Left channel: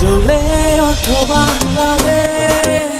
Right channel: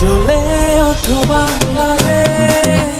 জ্বলে ওঠো বাংলাদেশ।